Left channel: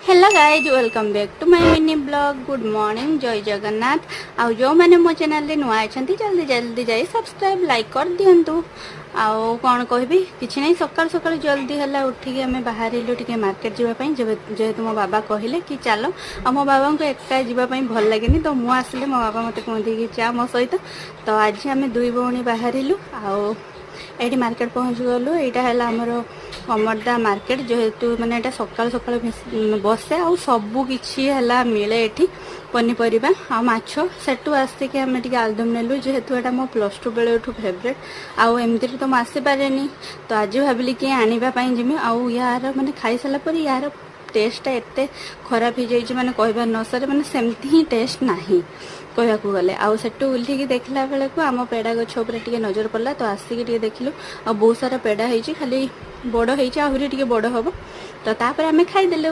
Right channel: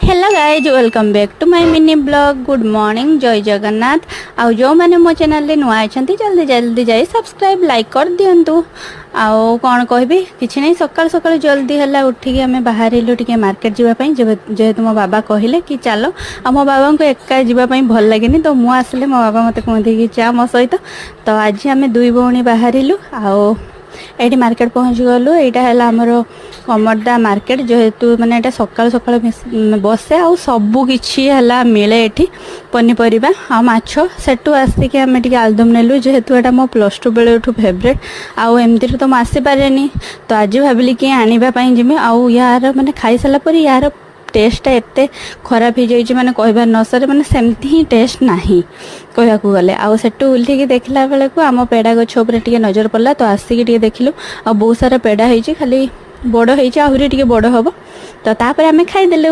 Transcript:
Hello guys welcome back to my mini blog. Good morning, जय जगन्नाथ। आउ जो मैंने मो चैनल रे नुआ अछंती जल्दी जल्दी जाई सब्सक्राइब लाइक कर दियंतु। आउ कौन कहबी किछि नहीं, सकाळ सकाळ जल्दी हला उठिकी आमे बाहरिलु टिके मार्केट जीवा पई। जेहेतु मो बाबा कहिले कि चलो, आ मो बाबा को एका जीवा पई भल लागेनी, तो मु आसले मो बाबा मते कहंती कि चा मो सहित। तो आज आमे दुई भौणी बाहरिलु। आउ एठी मार्केट पहुँच गलु। एटा हैला हमरो कमरदा मार्केट, जेहेतु माने एटा सकाळ सकाळ बसे आउ सबु किछि हैला मिले एठी पनीपरिबा आ माछ। सेटु आसिके आमे टिके आलदम नेलु, जेहेतु एटा मो +2 बेले उठु फेवरेट। आउ एमती तो म आसी पारेनी, तो आज भाबिली कि आनिबा पई जिमे। आउ यार माने खाई साला पर यार टेस्ट एते खराब हो जाइए, माने कहबार न सरे, माने सेमती ही टेस्ट नाही कहया को गले। आउ सेटु उल्टी देखला बेले को आम पेड़ा गछ ऊपर टिके नजर पड़ला, तो आसिक टिके देखिलु। आ बहुत सारा पेड़ा होइछि, खाली बड़ होइछि, आहुरी टिके बड़ हबो। तो तापर आमे खाई देलु।